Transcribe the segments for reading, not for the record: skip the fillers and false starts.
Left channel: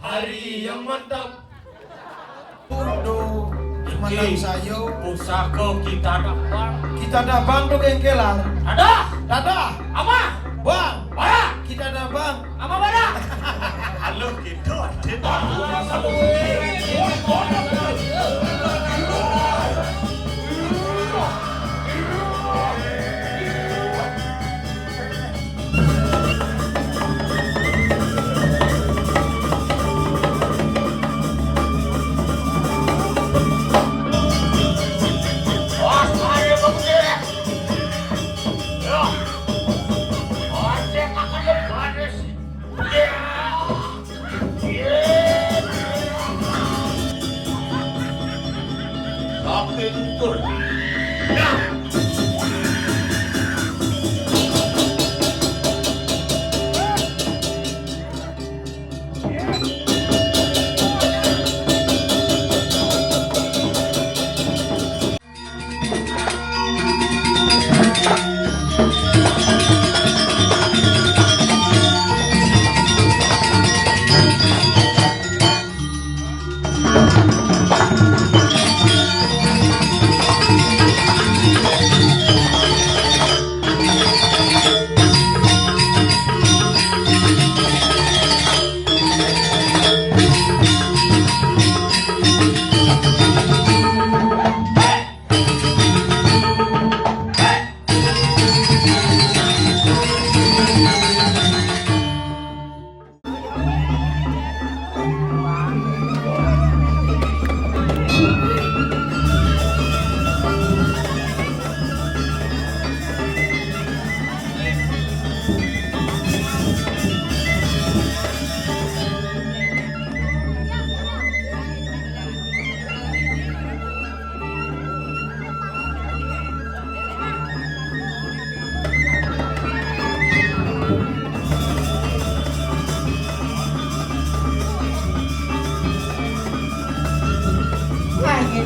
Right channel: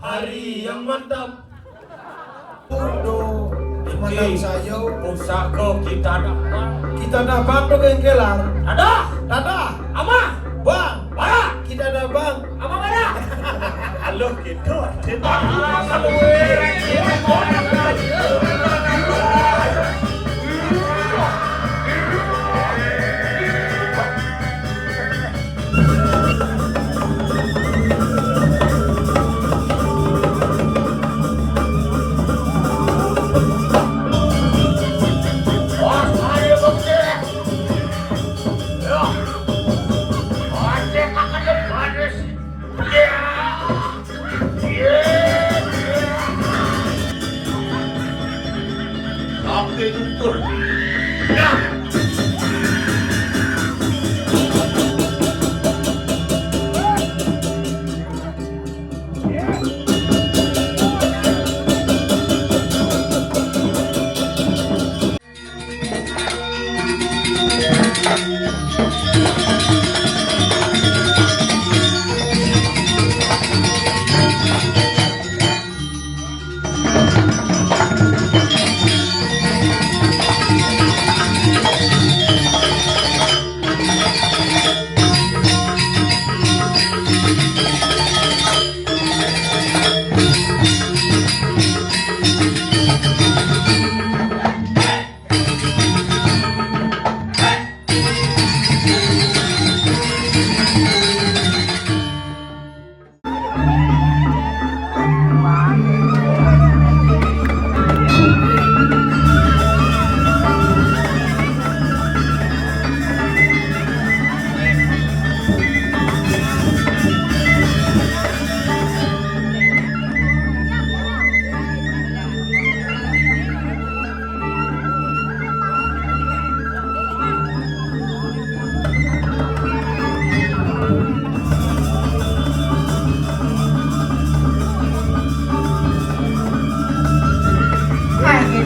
Hari yang mantap. Udo, mantap sayo. Pusaka kita dapat. Kita ada bang do bengkelan. Ada. Ama. Bang, Bara. kita ada bang. Ama bara. Halo gitu. Sampai tutur.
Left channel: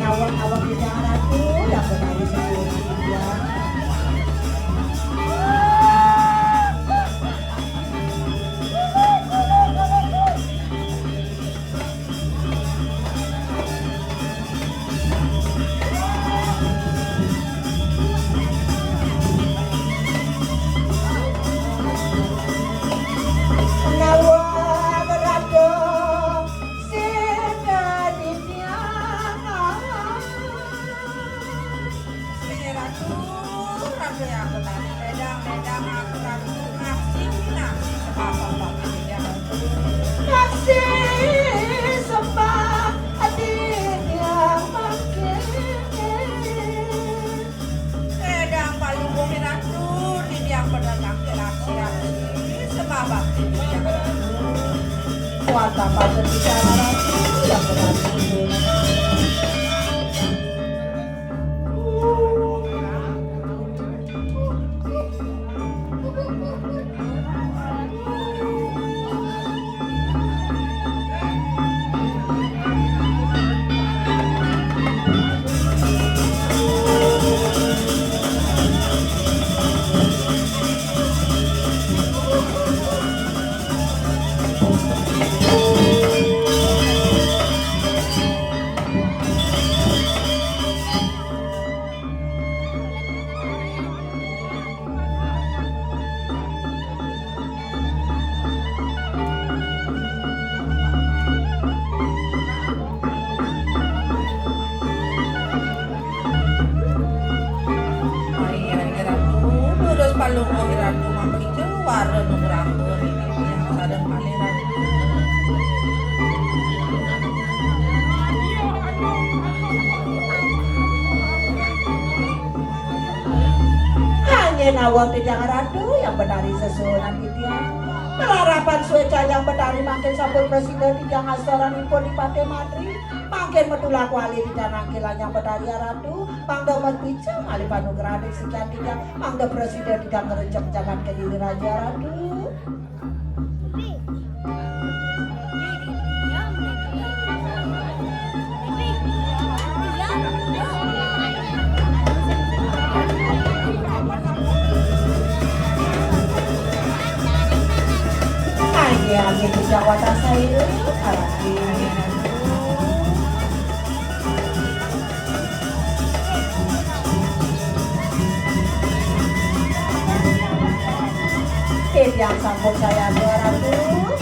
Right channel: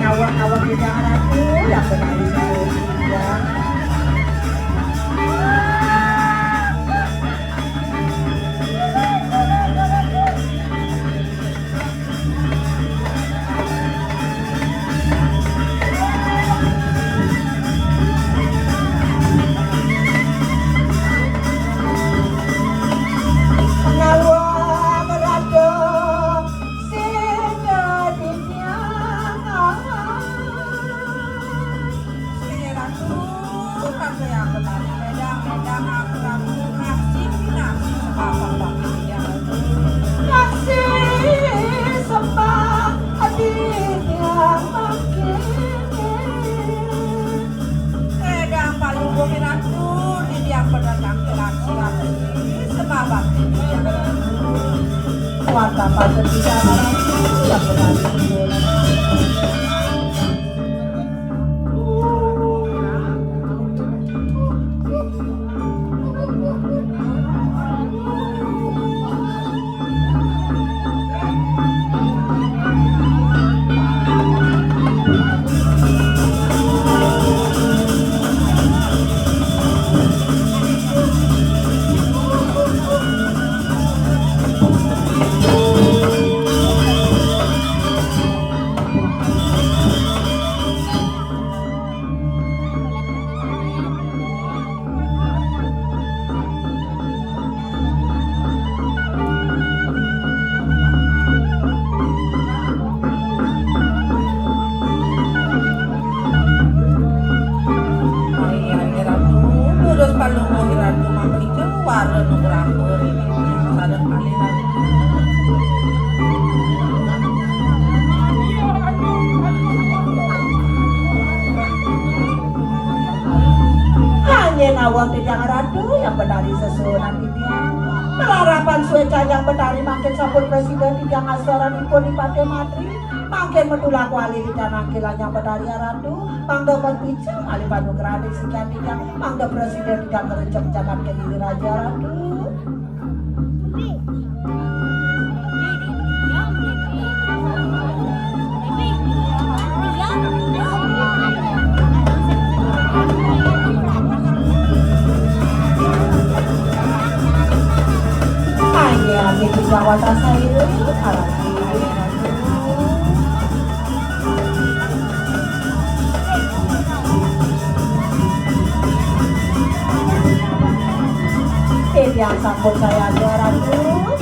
Awak-awak di jangan aku yang benar ya. Nawang di Jakarta yang benari sesunan dia harapan sueca yang benari makin sampun presiden di yang asoran impun di Pate Matri makin medula kuali di danang kilang yang benari aradu mangga berbicara alih panugerah di sikan dia mangga presiden tidak merecek jangan ke diri raja aradu. tidak wadah saya hati. Yang sambut saya 200.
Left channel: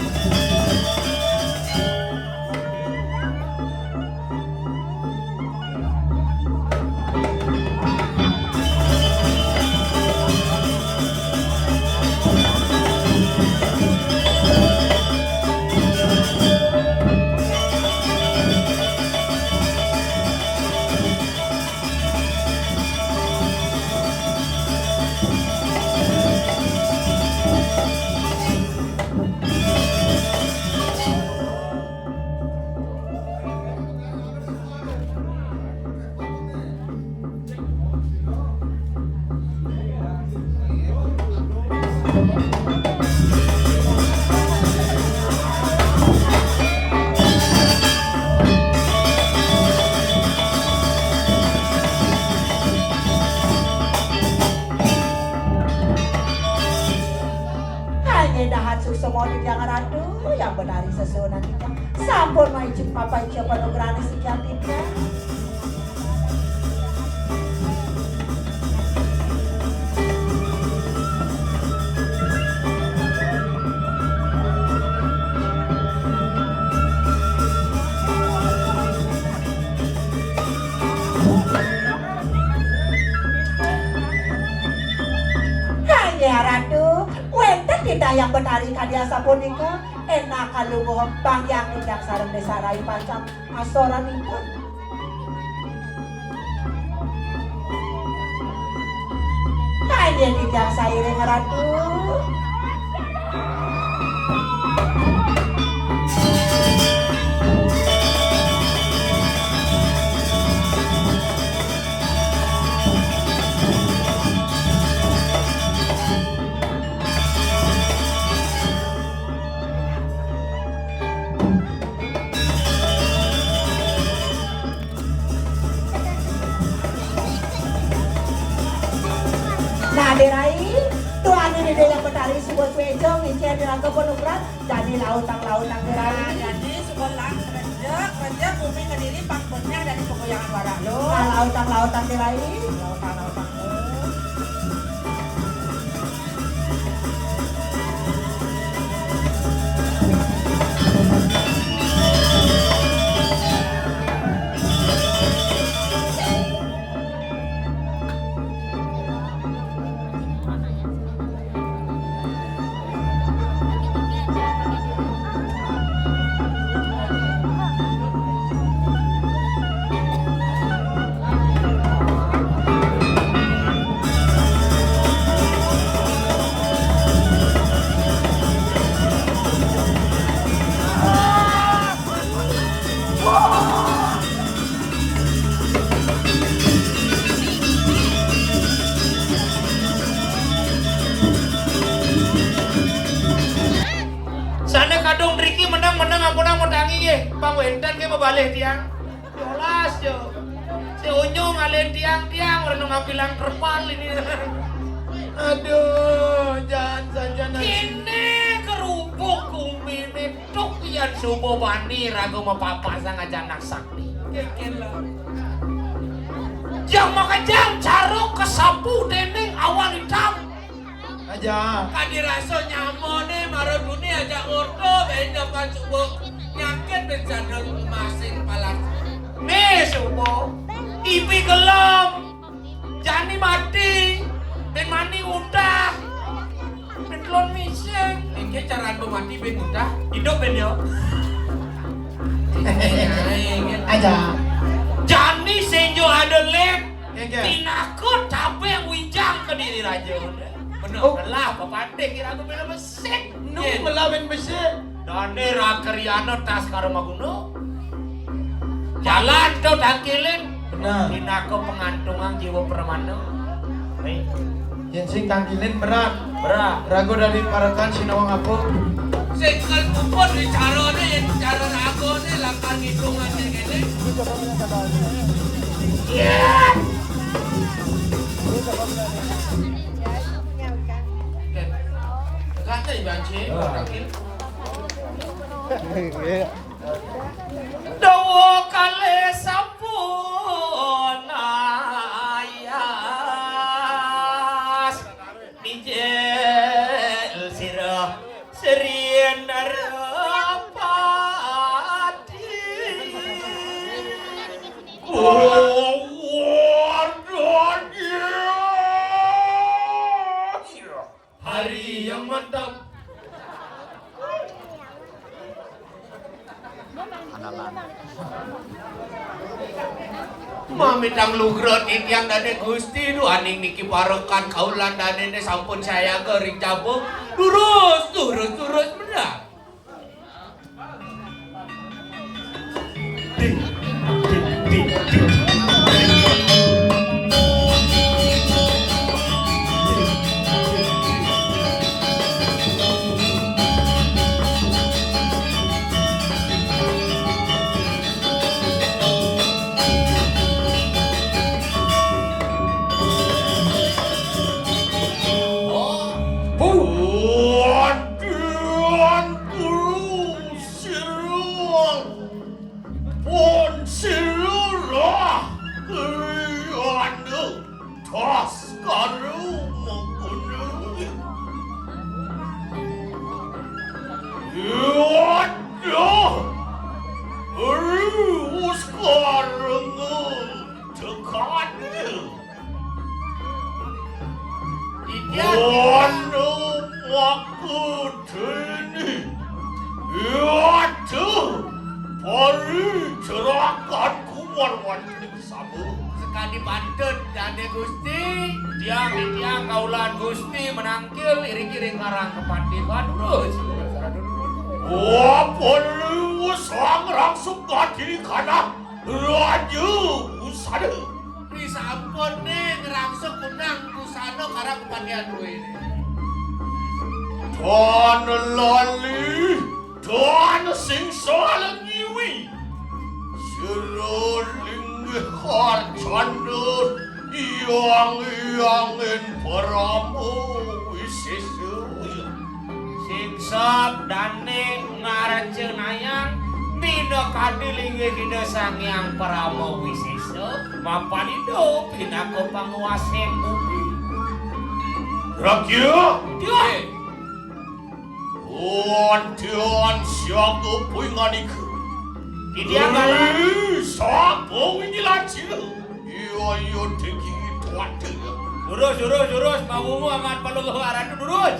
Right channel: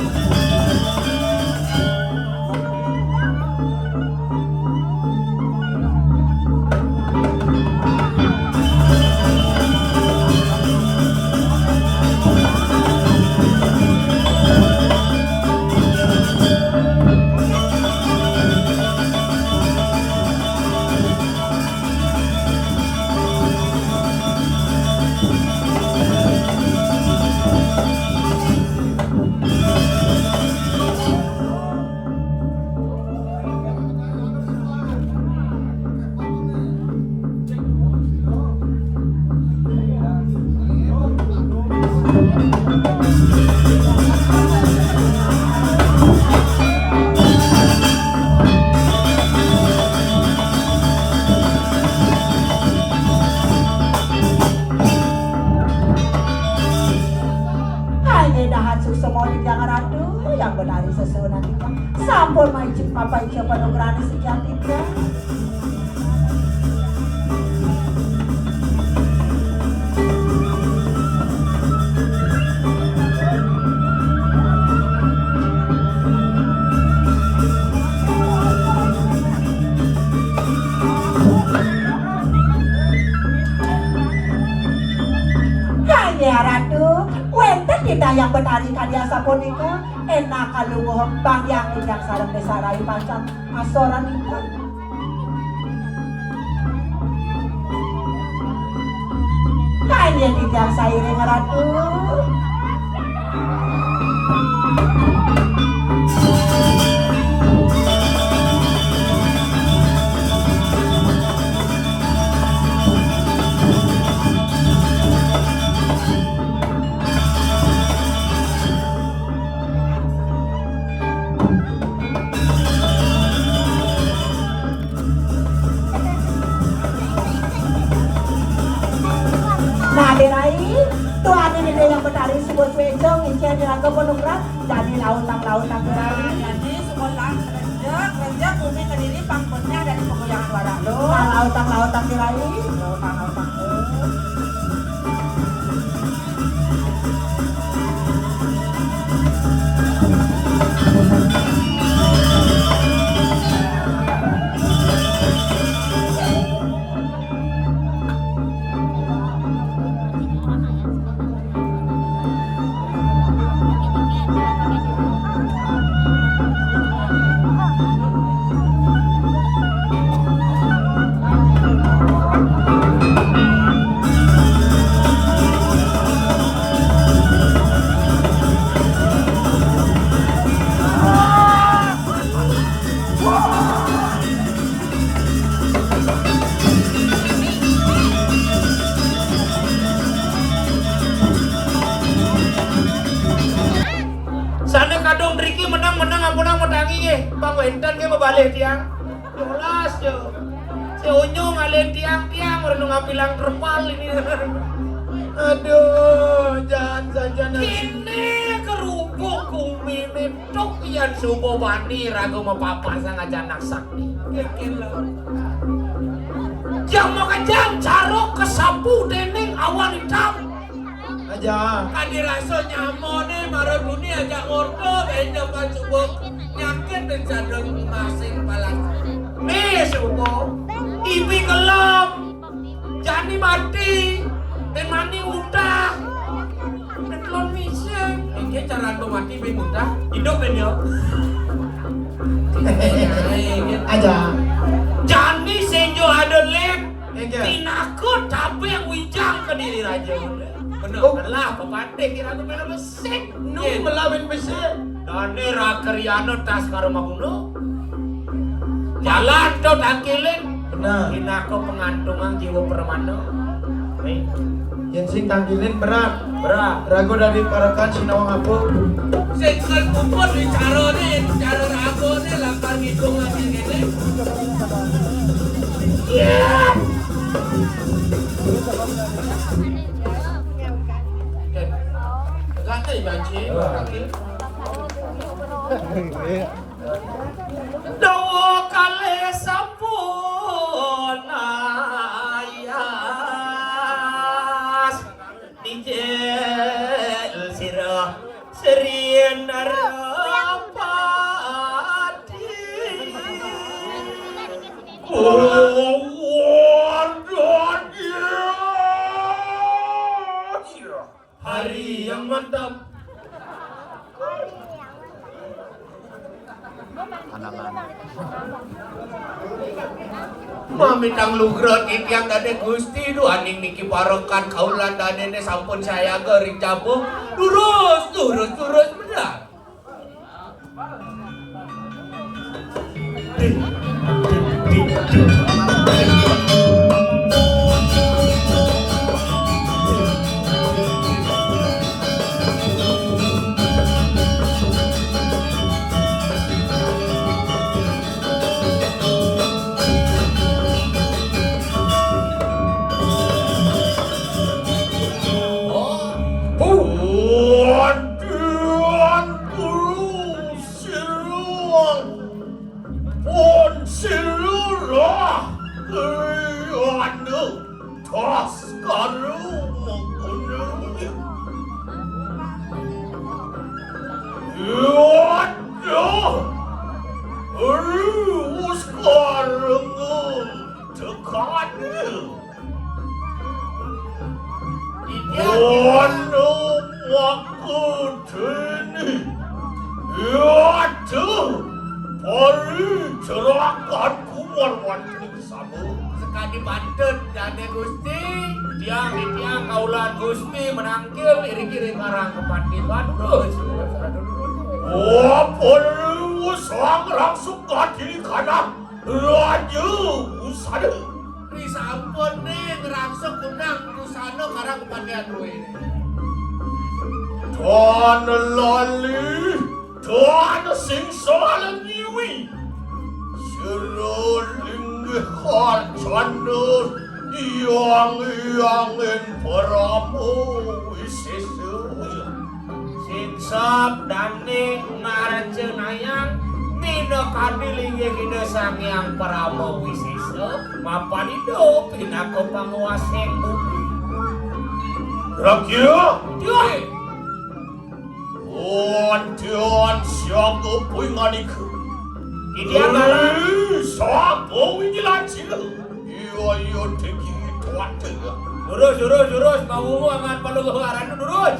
Sampun maicip papa ijo panugrani sekian tiga. Kaya ratu, wenten tidak yang betari kalian sapunika. Enak kalunguh bang yang tidak sarang desarai pancang asoran itu. Kaya tidak sairing ratu. Derai, tuan ini dia yang betari sebuah swejong, incian dengan kepenukrat, jadi lautang-lautang derai. Jadi sekolah kerja bumi kediri pangkutnya dari pegoyangan wadah lo. Lautang-lautang derai. Lautang-lautang lo. Pangwentan ke mabalik tiang. Jelas yo. Si Unyung ngalen tiang-tiang orang ngapilang terpal ini. Aduh, jangan saja nanti. Ini kerupuk kumini tuk yang subuh bani ragu mapapa sang ajanak sakti. Jam makan jam carok kesapu deneng awan hitam. Aja. Kadi rasa nyamone marah buni agak ngordo kayaknya pacuk nyakit dan jadul masing palas. Nih subuh, ibi gelap, jani mati, dan mani muda, dan telon mising. Ini cara mati ibi muda, hidup kan yo. Aja. Jani senjo ada lek, tinakut tapi yang wijang ke diri raja. Bener, belah, papate kira aku bener besek. Nu melawan besek. Dane rakeriano tas karo maguno. Jalan to tangkilin. Benar. Inako pengantungan jiwa permana. Baik. Yang sing tangkilin berat. Berat. Rago dari parakan sinawang apuk. Sing kan kumpul di carone yang cara rago ne lakan hidung aja gini. Iya. Lantai banci, Dawa kale sapunayas dijel sirah serien rapati hari yang mantap. Mamitang lugra titiang dade Gusti nu aning niki parokan kaulan dadene sampun saya gering cabu lurus benar. Sekali bantet dade Gusti tiang kaulan Gusti menangkil iring-iring karang kepati badus. Sang langsung kaki kana raju usada. Pri sampun nih ngerangsuk undang usana karang kepatian duwe. Tuan lali, tuan sing soal nyiwi. Seroling hal candor, iang-iangin paramu wisesu. Singsap dane ngarencenayang mina kadilinge hina sangyang paramo wisesu mapan hidup hinako panguaseng bumi. Rakya? Tiyan! Tiyan siyaga puingaliku. Tiyan galang? Siyaga winjilacilu. Iyo teki tuate. Durus, maumu amat palu keharan durus.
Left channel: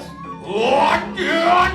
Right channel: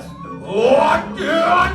Tiyan!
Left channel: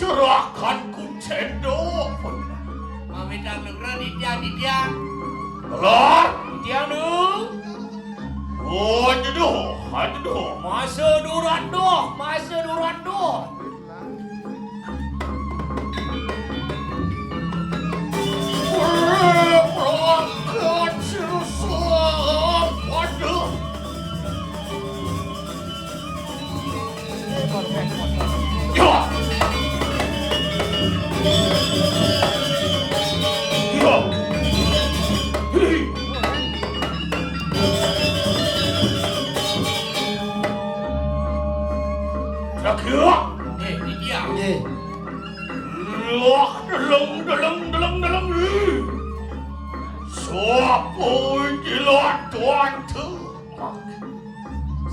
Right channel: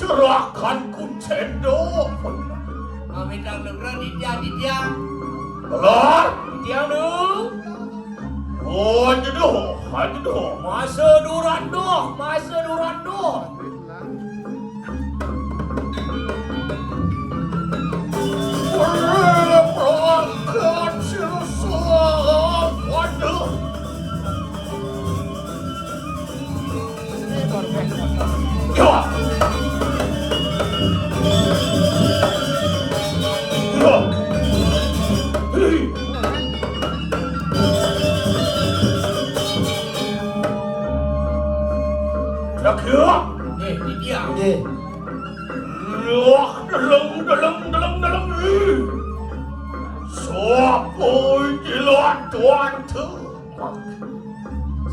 Cerahkan ku cendok. Mamitang negara ditia. Belar? Ditia nu. Aduh. Masa duran doh. Perangkat silsam. Waduh. Dalam Sopoy jilat tuan tu.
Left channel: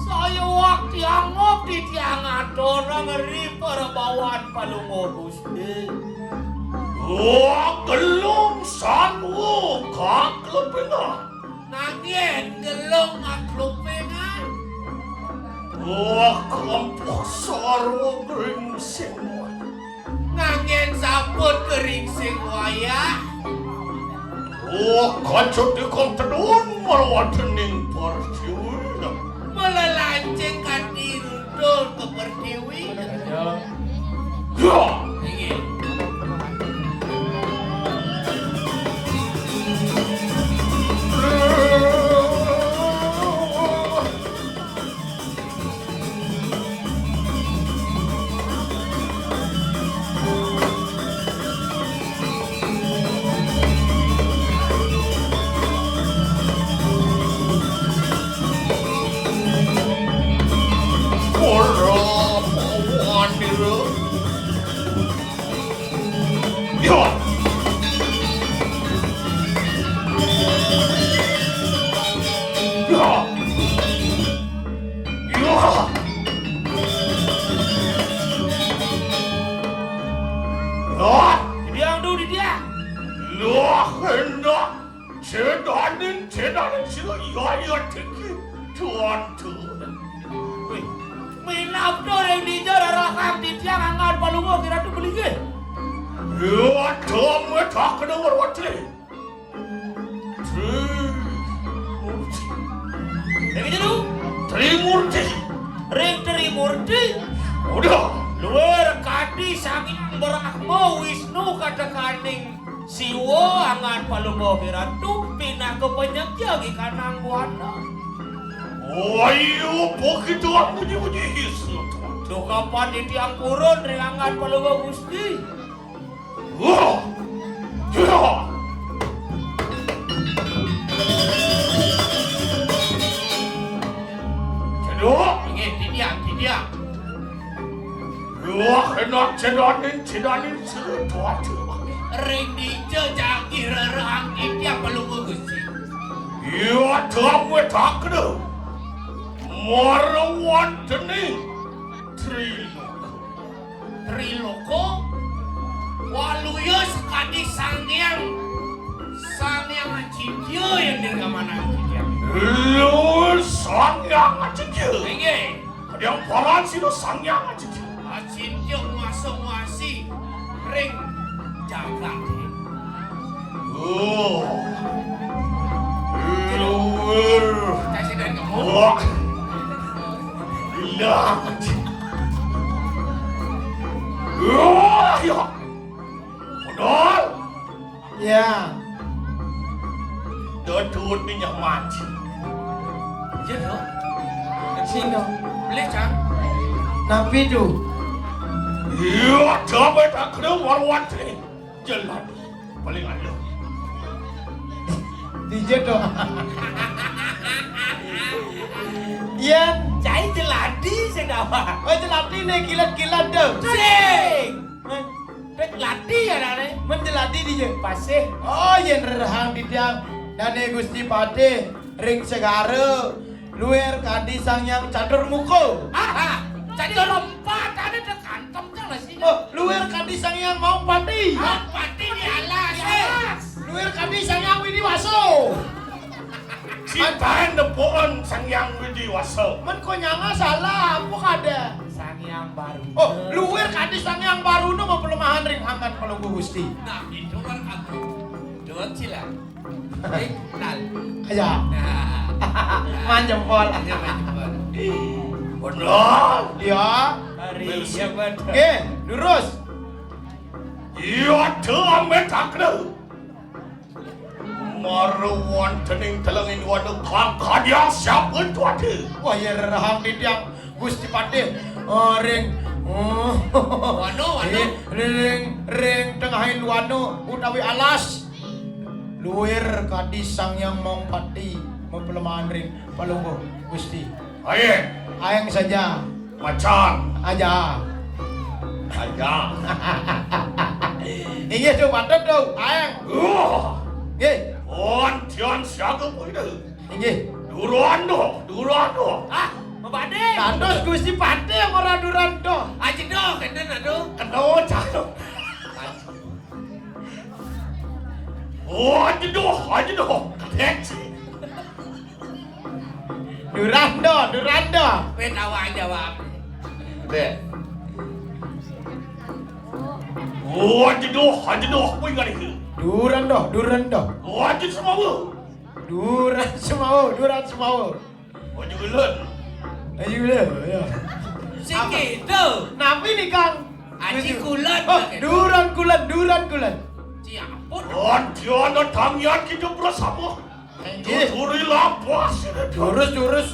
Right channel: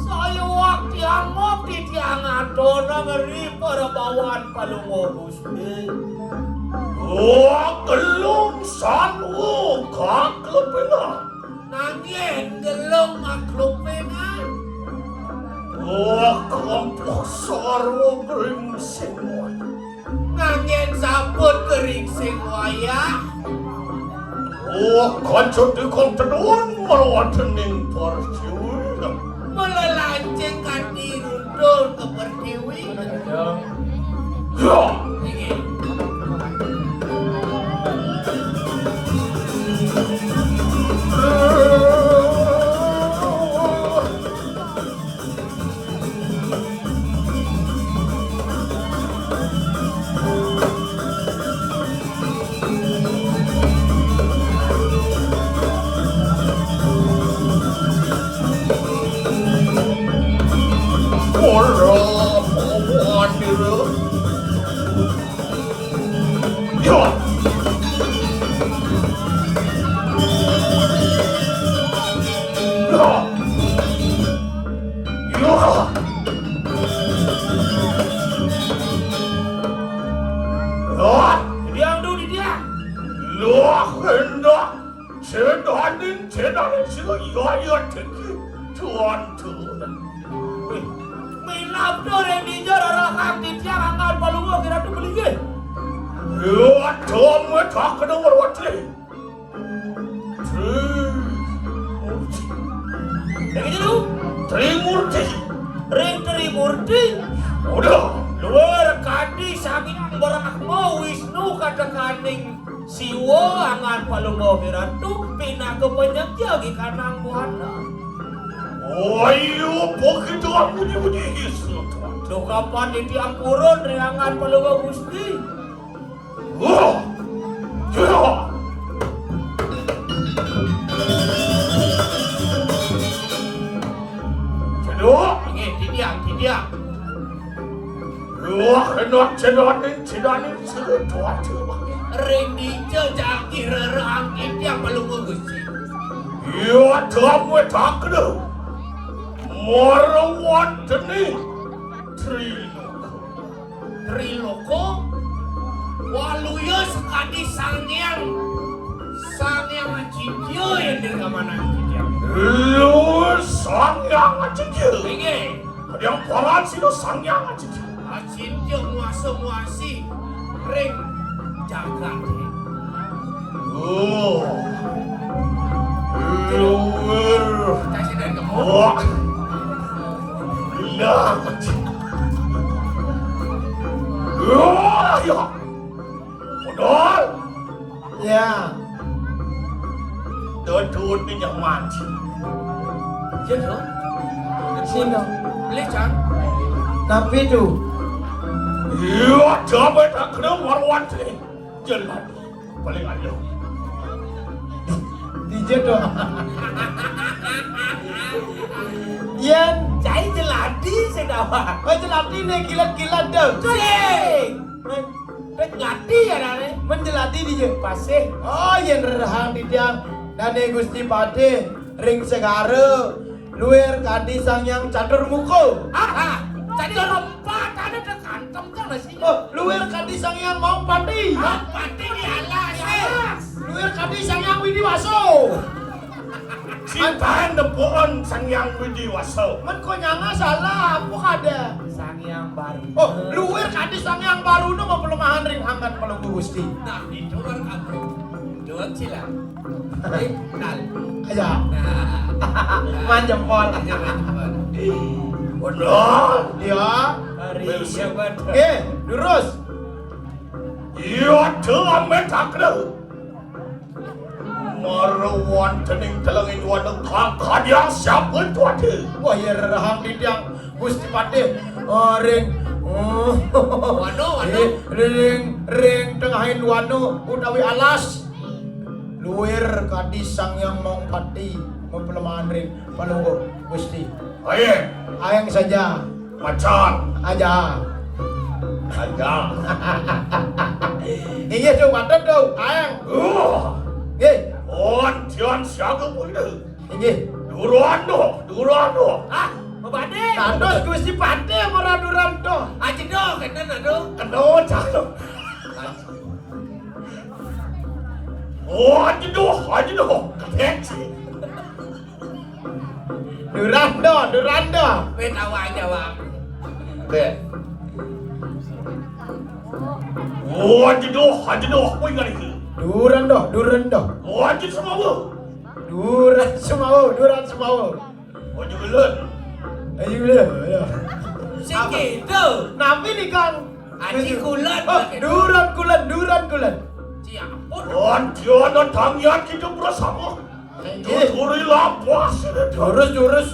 Saya waktu yang ngopi tiang atona ngeri perbawan palungo Gusti. Gelung sanwu kaklepengan. Nangien gelung kaklepengan. Wah, kelompok sarwa kering semua. Ngangen sampun kering sing wayah. Wah, kacut di kontenuan melawatening persiwi. Melelanceng kaki rundul ke pertiwi. Ya, Ingin. ora mawan dira. Ya. Ya. Ya. Ya. Diam dulu dia. Loh, hendak 재단은 지금 이거야 특히 저한테 Minapto yang dijar orang di tiang angkat palungo kira tu beli ke? ya 정말 다 그런 걸 어떻게 Lagi dulu. Trimurti Ring Trimurti. udah Luar kadi sangiang berakmo Wisnu kata kaning siwo angan palungo kira tu pindah ke penyakit di kanang buana. 아유 보기도 안 무지무지 있어 Tu kapan di tiang kurun reangan palungo gusti? 야 제노 Ingin di dia. 야 hendak 재단은 지금 도와줘 Ring di jejak kira rang di tiang palungo gusti. 야 다음에 다 그래 뭐로 왔더니 트리노코 Triloko waluyo sekadi sangyang acidyo yang dirgamana acidyo. 루 상냥아지지 Ingin 그냥 바라지로 상냥아지지 acidyo muasi ring jagat. Kasih dan kamu. 와, 야, 야, 오늘 Ya, 너 돈이 좀 많지. Jenuh. sino. Beli cang. Napi tu. 야, 저번에 다 그래 warwati, jelek, paling ada. Tije tu. Yan, Cai jeladi sedawa. macam nanti ni kilat-kilat tu. Cing. Dek ladi ya nane. Menjelati dia. Pasih. Oh, yang rahang di tiang Dane Gusti Pade ring segara luar kadi sangyang catur muko. Aha. Jadi lompat ada di kantong tuh nasi. Oh, luar kadi sangyang mau padi. Pati di alas. Luar kadi sangyang widi waso. Cintain depan sangyang widi waso. Men kau nyanga salah, apa kada? Sang yang baru. Oh, luar kadi sangyang baru nu mau pelemahan ring hangkat kalau Gusti. Nah, itu kan aku. Dengan silang. Nal. Aya, Nah. manjam pol. Benar. Ya. Hari yang benar. Oke, lurus. Iya, dalamnya tak kena. Marwan tening telengin wadah kakak dia siapa tu ada. Wah, ya rahang di tiang Gusti Pade ring Wano. ring tengahin wano utawi alas luir kadi sangyang mau pati mempelemahan ring palunggo Gusti Aye, ayang saja macan. aja Aja. iya tuh patut tuh ayang ye On tian siaga boleh. ye Durando. Ah, Mbade. tados Gusti Pade ora duranto Aji dong, kena aduh. Kena cakap. Oh, aja doh. Keci. durando Wis awak jawab. Deh. Hajedoh, kowe ngarep. Duran doh. Wajib semua. Duran semau. Ojo geuleuh. Ayo le. Sing gitu. Napi nih Kang. Aji kulan. Oh, duran kulan. Ciampun. Anjana tangyan kita bersama. Turi lapas. Jurus.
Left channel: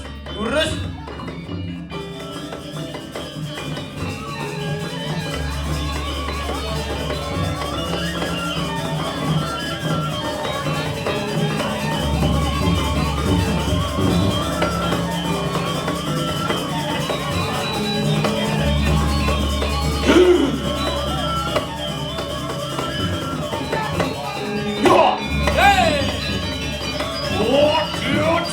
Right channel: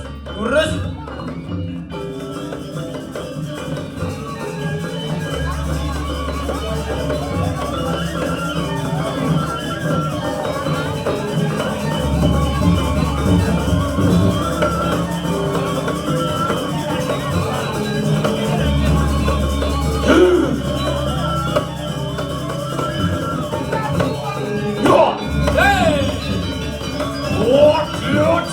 Ya. Hei. Oh, dia.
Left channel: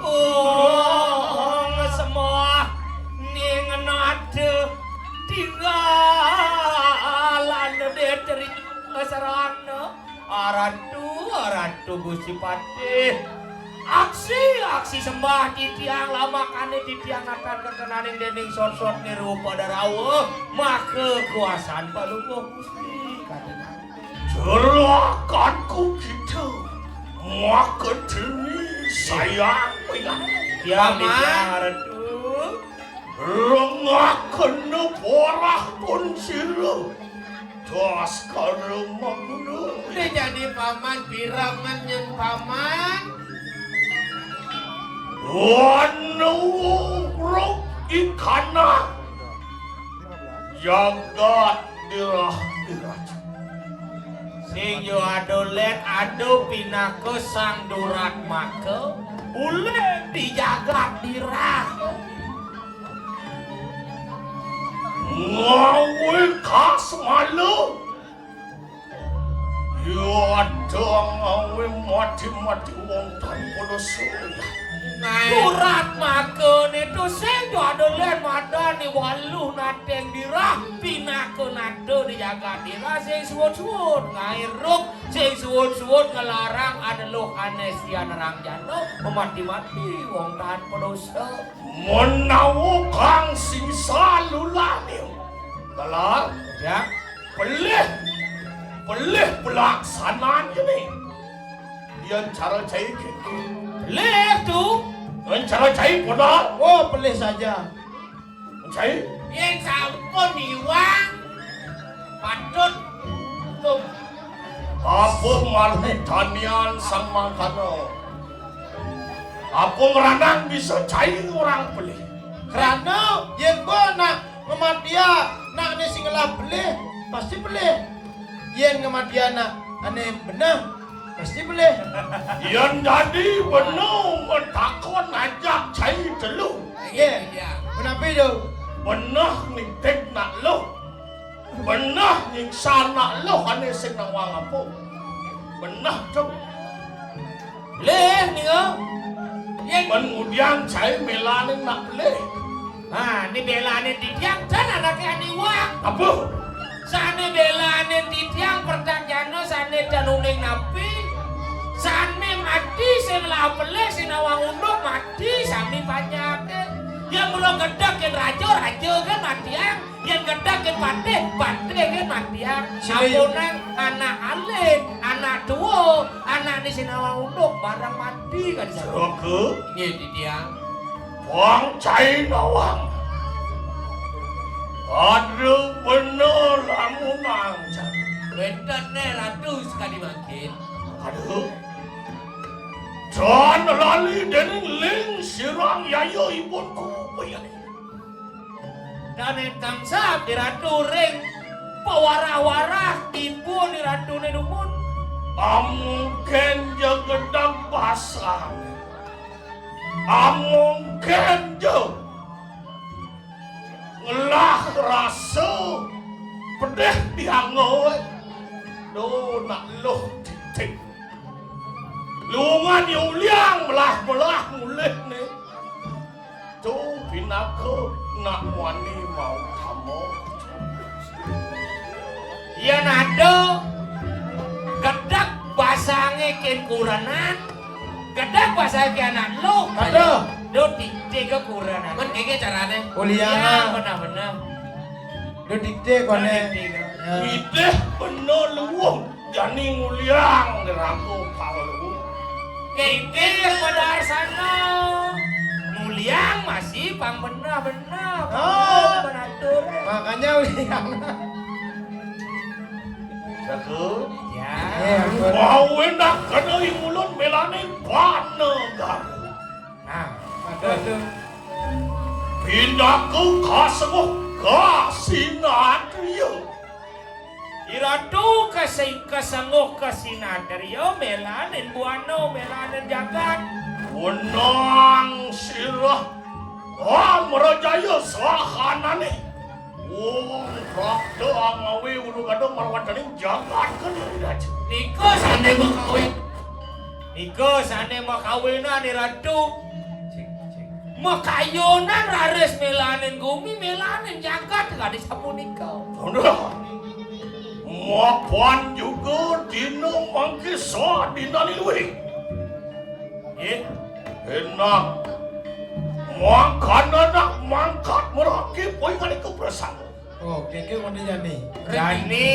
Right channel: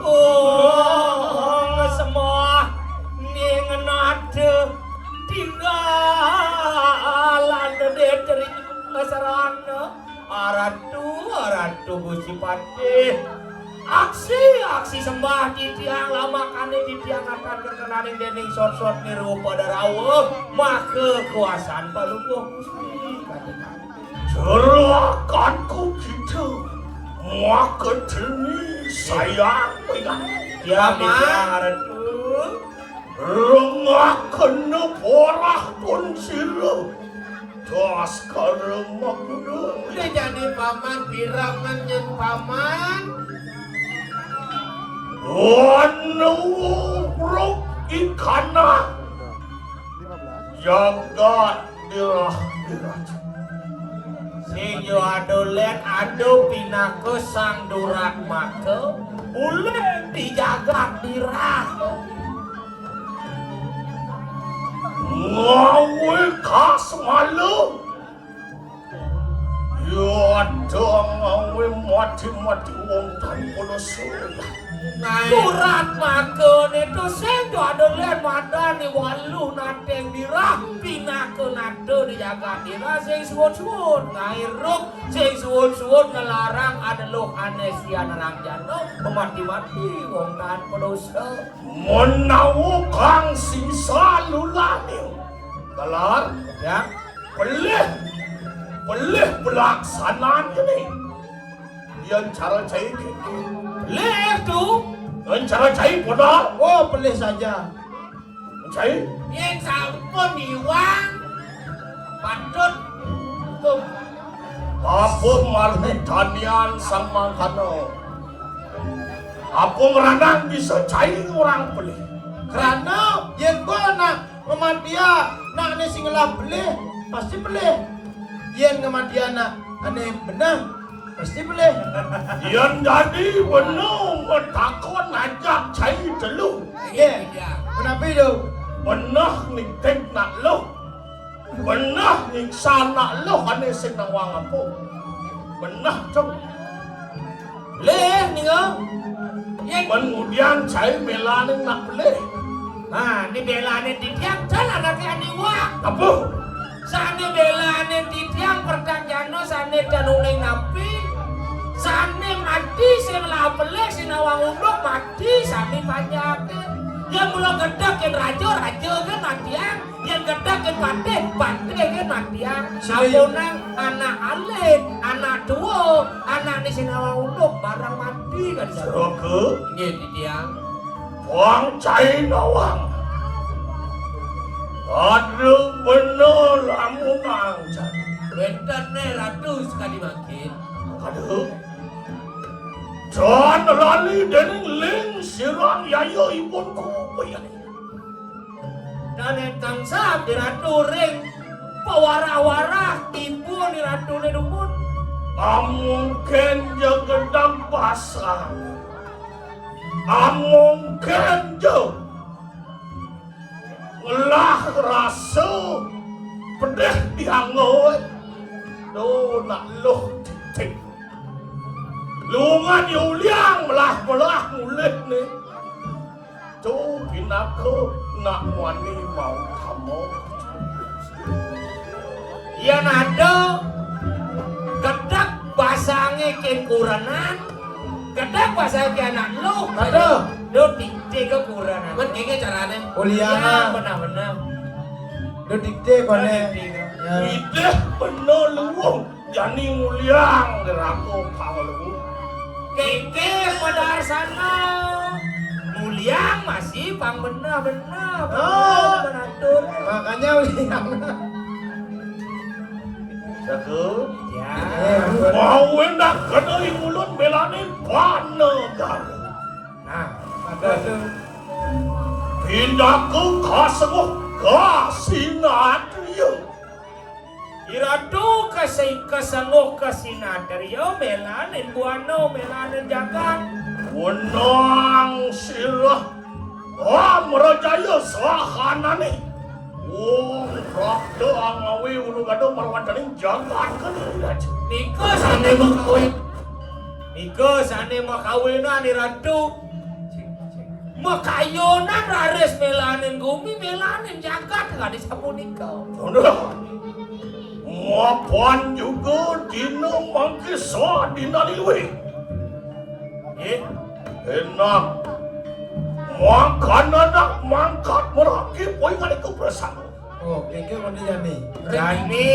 Oh, semua ning nade tinggalan dari serang aratu Gusti Patih. Aksi sembah titiang lamakane titiang akan kekenaning dening sor-sor niru pada rawuh mah kekuasaan palupuh Gusti katinang. Serahkanku kita. Maka demi sayang pengang. Kiamat aratu. Rengah kena porah pun sila. Das karema kuda. Dia jadi paman biraman yang paman. Wanuruk ikana. Jagat dirah. Sing yo adolen ado pinako sang durak make ulem dijaga dirah. Ngawe kas malu. Yo ada ngawe mati wong tanpa surya. Durak make itu sing yo adolen madani walu nateng dirah pinako nado dijaga dirah sing suwun ngairuk sing suwun ngelarang adeluh anestian rangjana mati wong tanpa dosa. Menawu kang sisa lulaning. Kalah Ya, pelih pelaksanaan ini. Yang cara cai kini. leh tu Yang cara cai pada. Oh, pelih saja. Cai. yang sampun iwang patut Apa marni tanian sang mangkano. Apa meranang bisa cai orang pelih. Karena yen gua nak ngemandia nak ane singelah beleh pasti beleh. Yen ngemandia nak ane benah pasti beleh. Yang jadi benar takon ajak cai dulu. Iya. Kenapa itu? Benah ning tek nak lo. Benah ning sana lo ane sing nang wang apa. Benah cok. leh ni kau yang Kemudian cai melaning nak pelih. ni belane titiang sana nak ani wang Apa? sana belane titiang pertanjano sana danuning napi sana mati sebelah peleh sinawang unduk mati sana banyak yang mula gedak yang rajo kan matiang yang gedak yang pate kan matiang sapunang anak alit anak tua anak di sinawang unduk barang mati kan Saka ini titiang wang cai nawang. Ada benar lamunang cai. Bentar nih ratu sekali makin. Aduh. Dan lali dening ling sirang yayo ibon ku bayai. Dan entang sab diratu ring pawara-wara tipu diratu nedumun. Amungken je gedang basah. Amungken je ngelah rasa pedih dihangot. Do nak loh titik. Lungan yuliang melah mulih ni. Tu pinako nak wani mau kamu. Yang ada kedak pasange ken kuranan, kedak pasange anak lo. Ada. Do dikte kekuranan. Kan kayaknya caranya. Kuliah. Benar-benar. Do dikte kone. Ya. Ide bener luwung jani nguliang deraku pangluwu. Keke pada sana mulia masih pang benar-benar. Oh. Benatur. Makanya liang. Jago. Ya. Mau enak kedai ulun belani panegar. Nah, pada Pindah ke kasemuh kasinatrio. iradu kasengguh kasinatrio melanin buano melanin jagat. Wenang sirah Amrajaya sahanane. Wong rakda angawi ulung ado marwadaning jagat kediri. Niko sane makawin. Niko sane makawinan iradu. Makayonan rares melanin gumi melanin jagat gadis sapunika. Udah. Mapan juga dina mangkisa dina liwi. Enak. Makan anak mangkat merakit poin kan itu bersama. Oh, keke kone jani. Jani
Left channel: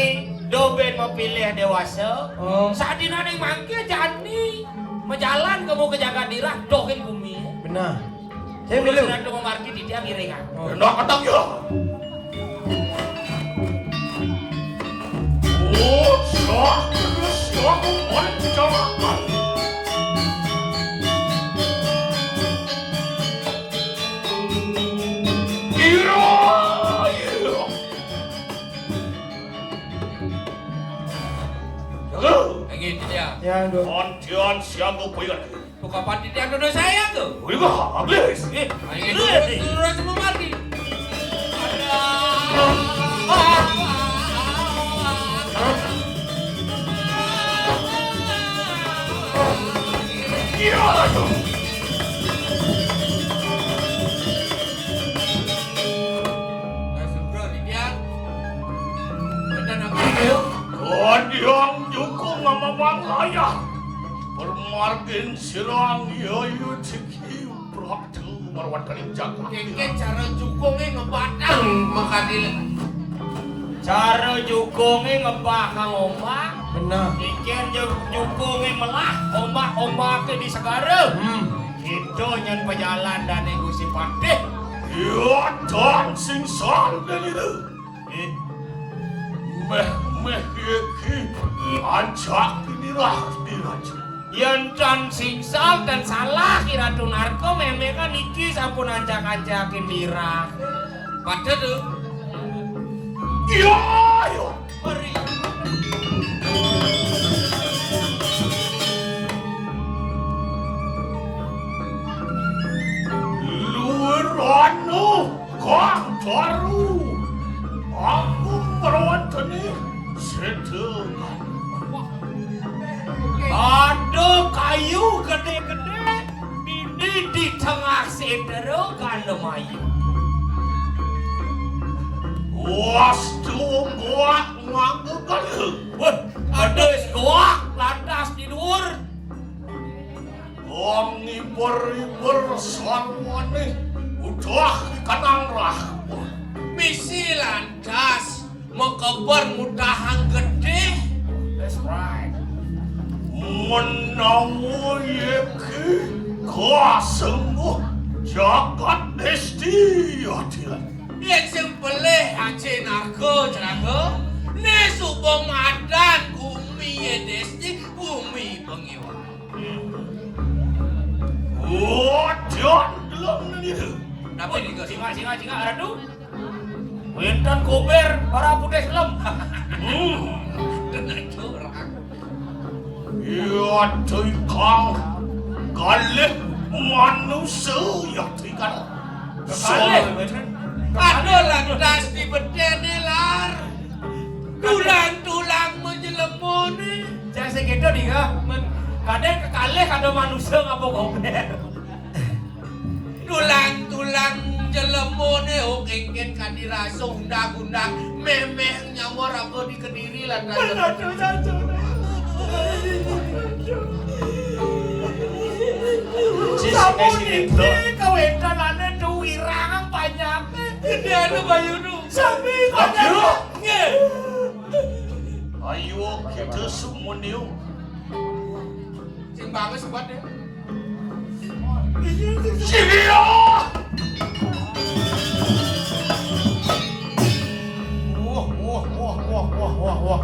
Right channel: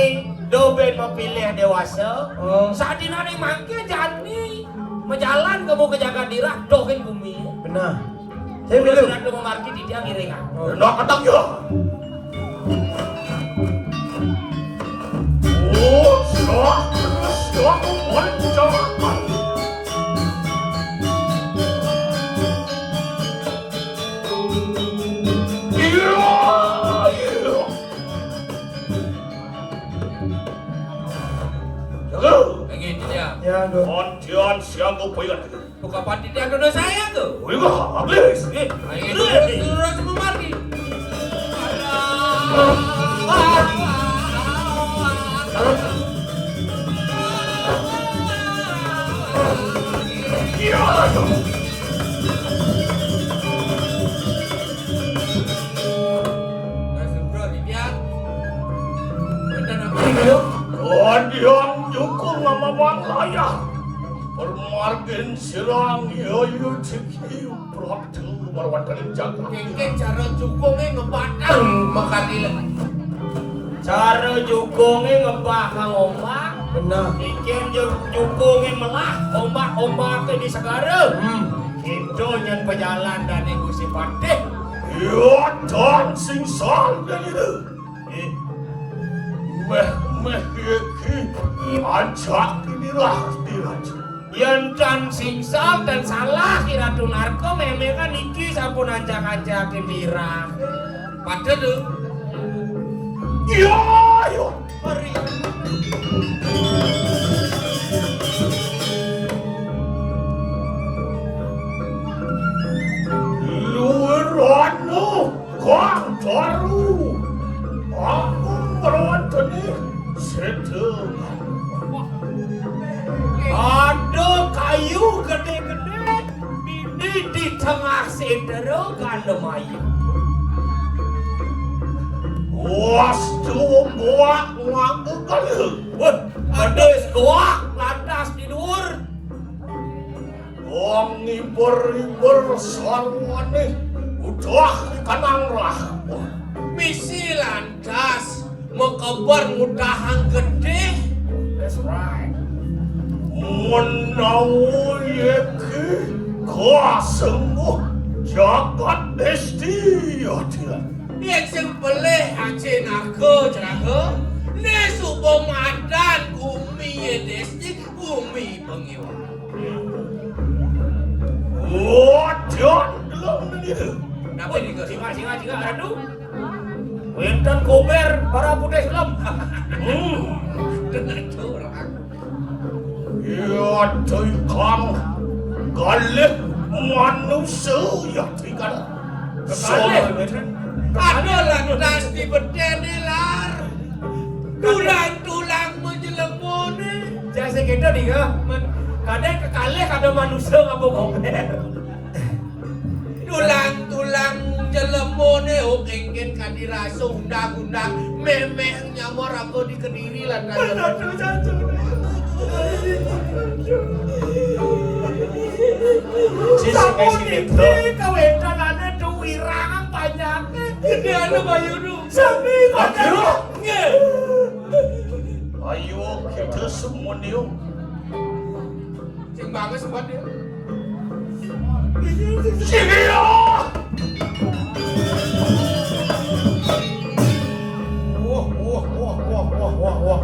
doben memilih dewasa. Oh, Saat dina ning mangke jani menjalan kamu ke jaga dirah dohin bumi. benar. Saya Dulu dulu. radu memarki di dia ngiringan. Oh, Enak ketang ya. Oh, syok, moncong. Iya. Jaga. Kayak gitu dia. ya do. Pontian siago poyan. Buka pandi dia dodo saya tuh. Wiga, aglis. Itu terus memarki. Iya. Kodian jukung nama wanglaya. Permargin sirang yayu ciki prabtu marwadaning jagat. Keke cara jukungnya ngebatang makadilan. Cara jukungnya ngebakang ombak. Benar. Ikan jukungin melah ombak-ombak di segara. Itu yang pejalan dari Gusti Patih. Iya, dan sing sal dan itu. Meh iki ancak inilah diraja. Yang can singsal dan salah kira tunarko memang kan iki sampun ancak-ancakin dira. Patih tuh. Iya, iya. Mari. Luerano kantaru. Aku merawatani sedang. Ada kayu gede-gede ini di tengah sedero kandemayu. Wastu buat nganggu kali. Wah, ada goak lantas di luar. Wong iber-iber sarwane udah kanang rah. Misi lantas mengkebar mudahang gede. That's right. Menawu yeki kasembuh jagat desti atilan. Yang sempelih aja narko jerago. Ne subo madan bumi ye desti bumi pengiwa. Wajan belum ini. Kenapa ini ke singa aduh. Winten kuber para putih lem. Ya cuy kang galak manusia ya cuy kan. Ada lantas di bedene lar. Tulang menjelemone. Saya segitu nih ya. Kadang kekalih kada manusia ngapa gober. Tulang jelemone engken kadirasa undang-undang memeh nyamar apa di Kediri lan Sampun kau entanane duwirang banyak. Gede anu bayuru. Sami Ayo. Nggih. Ayo kita semua niu. Sing banget sebab dia. Sini ya. Wah.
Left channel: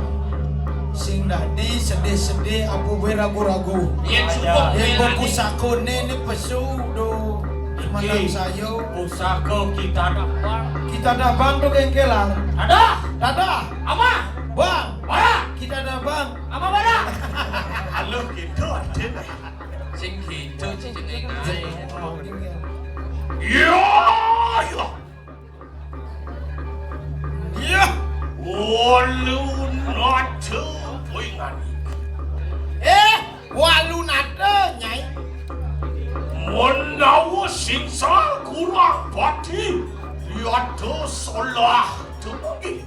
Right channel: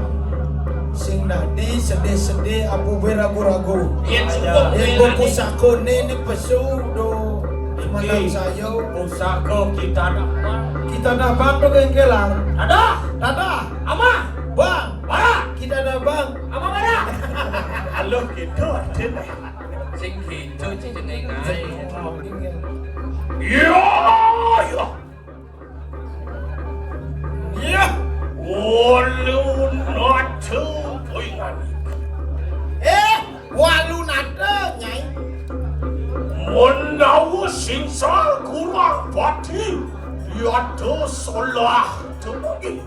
Sing nadi sedih-sedih abu beragu-ragu. Yen subuh Yang buku sakone ni pesu do. Malam sayo. Pusaka kita dapat. Kita dah bang do kengkelar. Ada. Ama. Bang. Bara. Kita dah bang. Ama bara. Halo gitu aja. Sing gitu jeneng ae. Ya. Ya. Walu natu poingan. Walu nate nyai. Menawu singsal kurang pati. Yaitu solah temugi.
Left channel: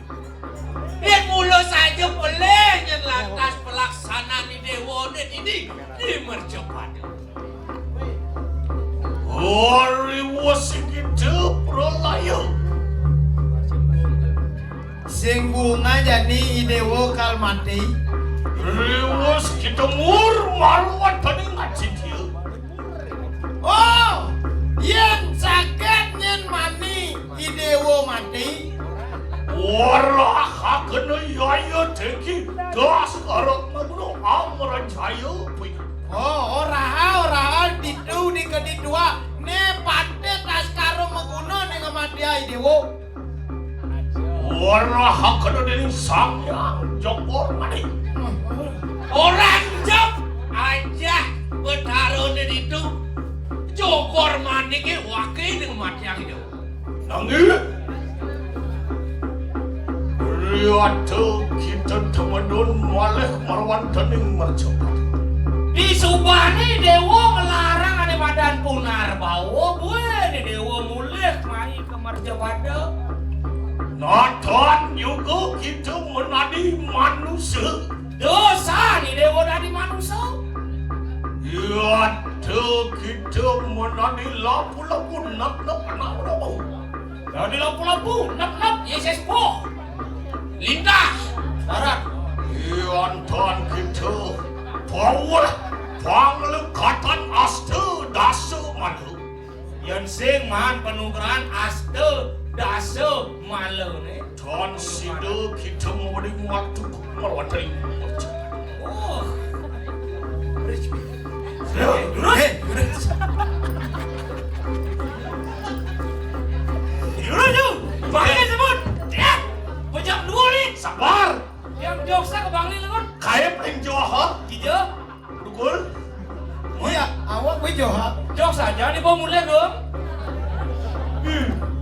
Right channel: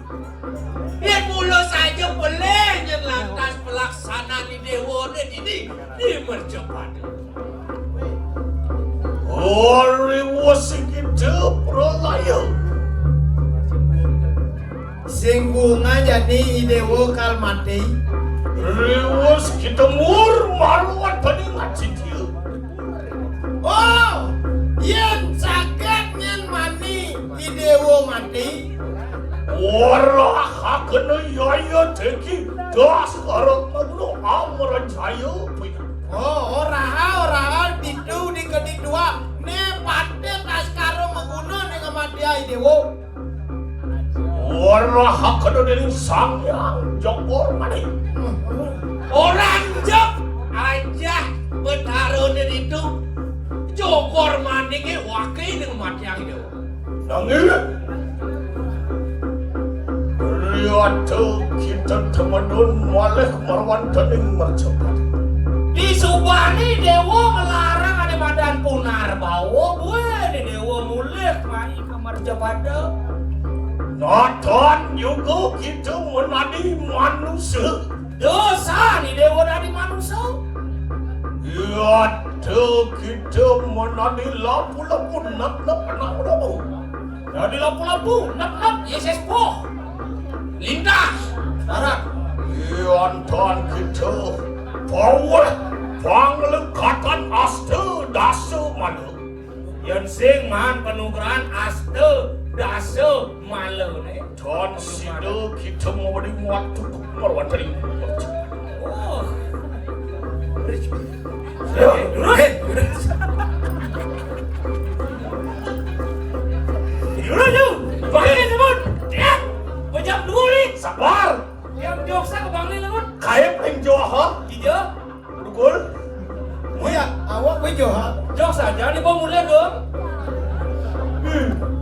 Yen mulo saja boleh nyen lantas pelaksanaan di dewone ini dimercepat. Ori wasikite pralayo. Sing bunga jadi idewo kalmati. Riwas kita maruan peningat sitiu. Oh, yen sakit nyen mani idewo mati. Wala hakene yaya teki das arep magno amran cayo punya. Oh, ora ditu di kedua ne pate tas karo meguna ning madia idewo. Wala hakene dening sangyang jokor mani. Orang jok aja betarone itu jokor mandi ke wakil dengan mati yang itu. Nangis. Lihat kita teman-teman malih marwan dening mercepat. Di Subani dewa melarang ada badan punar bawa boleh di dewa mulih mai ke merjabada. Nathan juga kita menadi manusia. Dosa di dewa dari manusia. Ya, kita menadi lapu-lapu nak-nak anak-anak. Dari lampu-lampu nak Yesus poh. Lindah. Darat. Ya, Nathan kita bawa panglekatan aste dasa malu. Yang sing man penugaran aste dasa malu ne. Dan sida kita memberi waktu marwan dening mercepat. Oh. Yuraju, bangli sebut. Ya, pejam dua ni. Sabar. Yang joksa ke bangli sebut. Kaya paling Jawa. Tiga. Dukul. Iya, awak we joha. Joksa jadi bom mulai dong.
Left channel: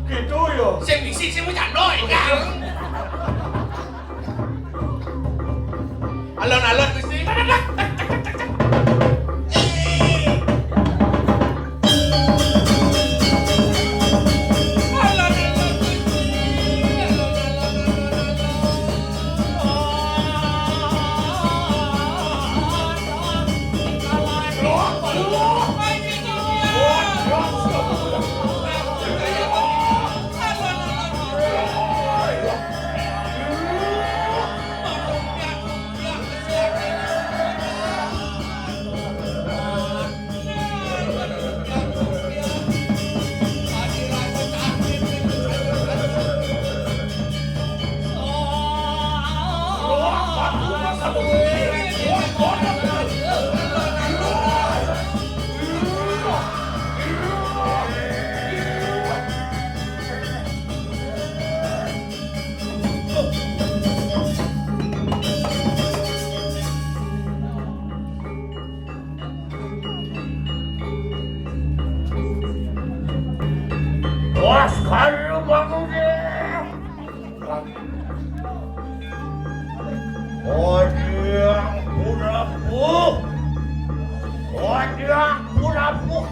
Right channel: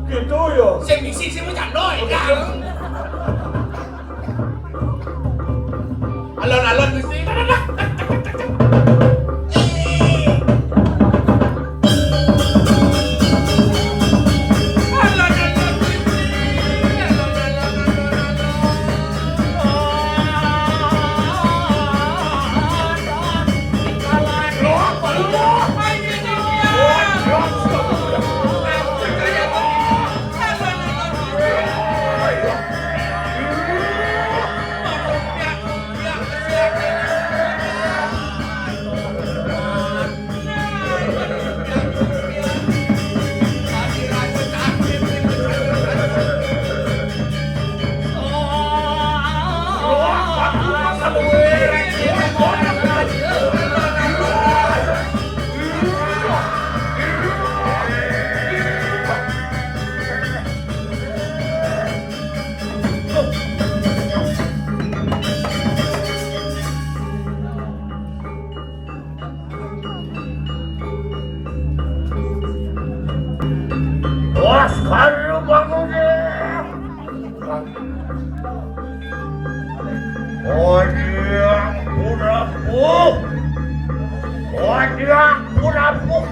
Gitu ya. Sing bisi sing macam doi kan. Alon-alon mesti.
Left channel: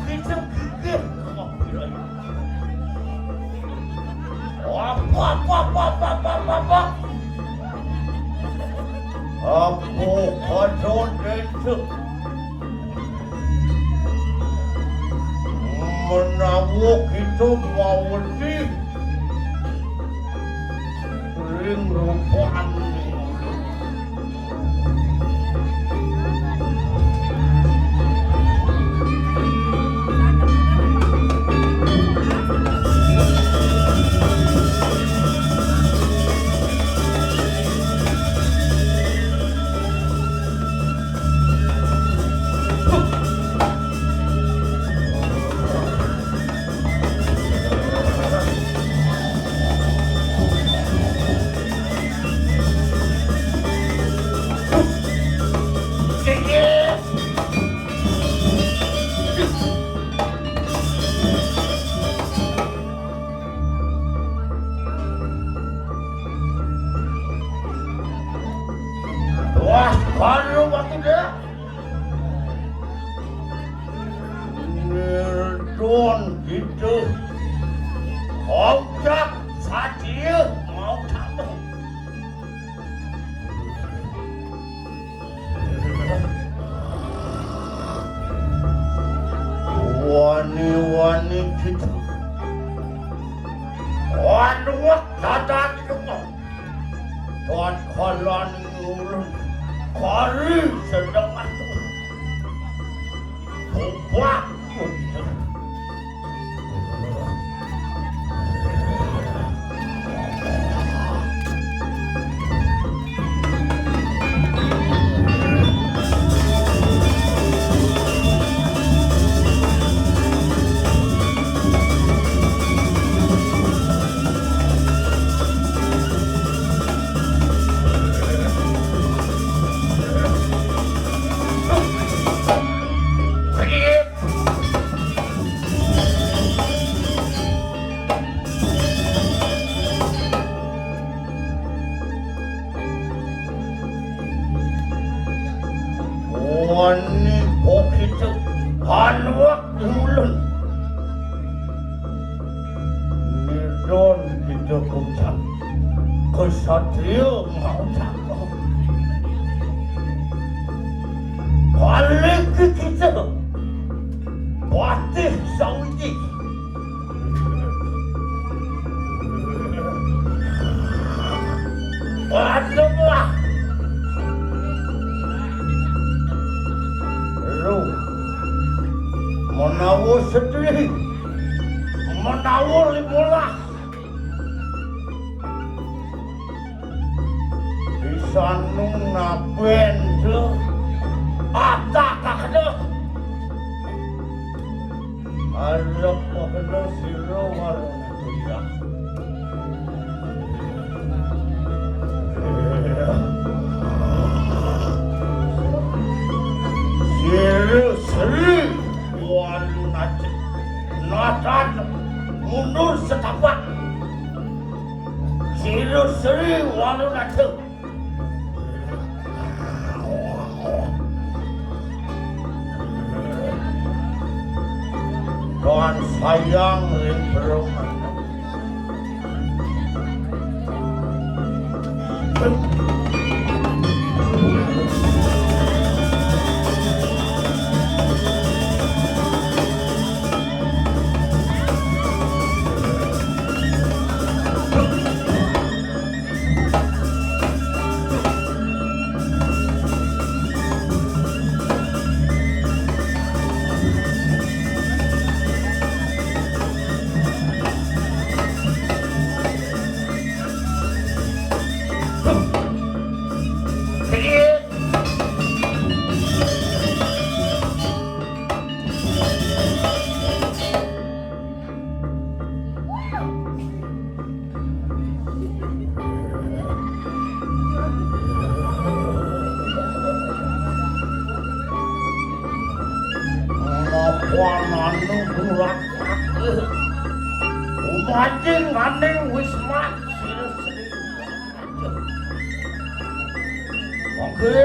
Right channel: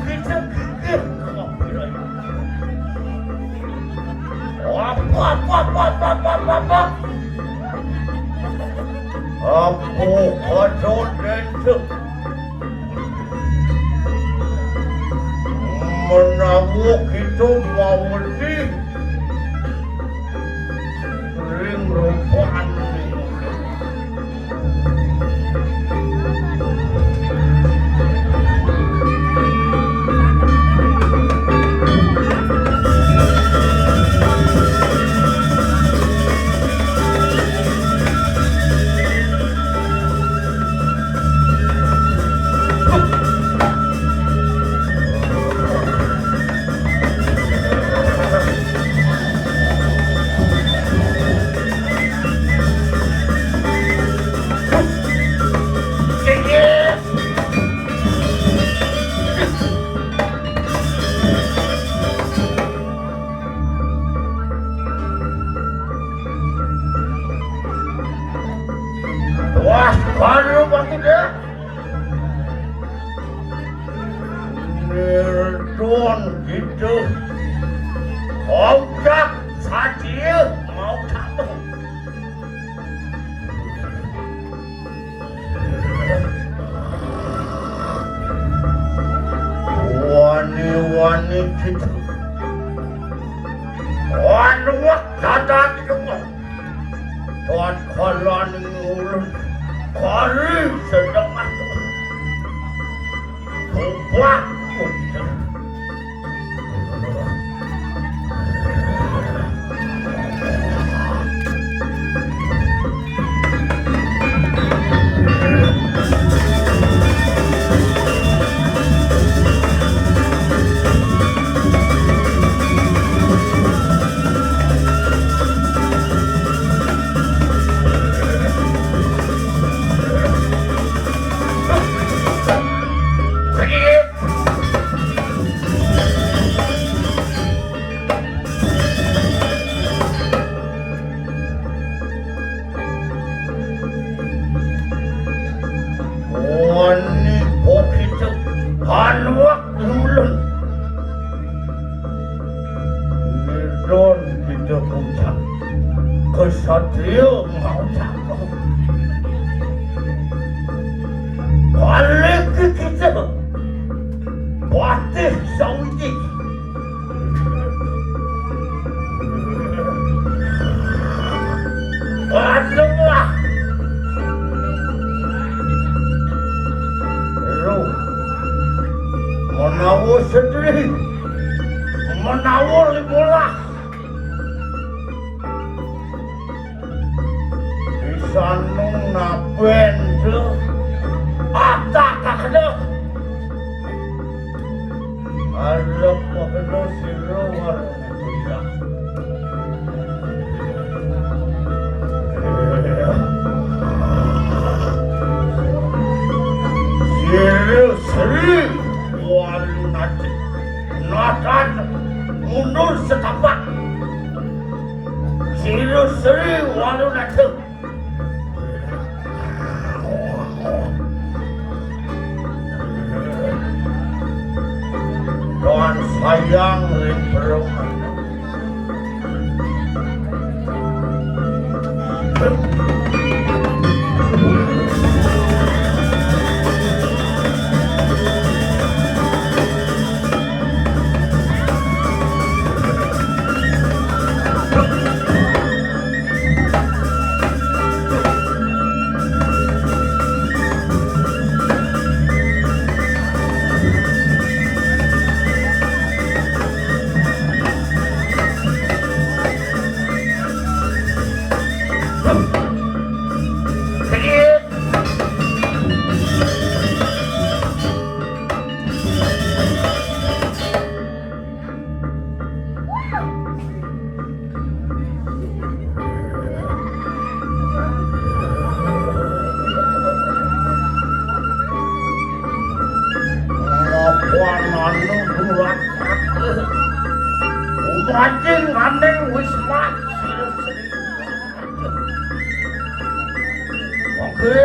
kita gigit kemampuan. Apa? Aku kacau desa. Menawak itu mawati. Ring rupaan. Wah, baru waktu dia. Nerdon gitu. Ojak saja mau kamu. Wani gitu. Wah, dadak semua. Tuan kolon ngulun. Kari sedang masuk. Tumpah. Kesatria mau cakap. Balik ke kita. Patih Saudi. Padahlah. Ruh. Menawar sendiri. Menawar 15. Sanung na bendo atak kakdo arep kakdo siro warna kuda siro seri warna natan mundur setapak siro seri warna natan Tuhan sayang ring perumah. Umating aneng wisma siri-siri. Oke.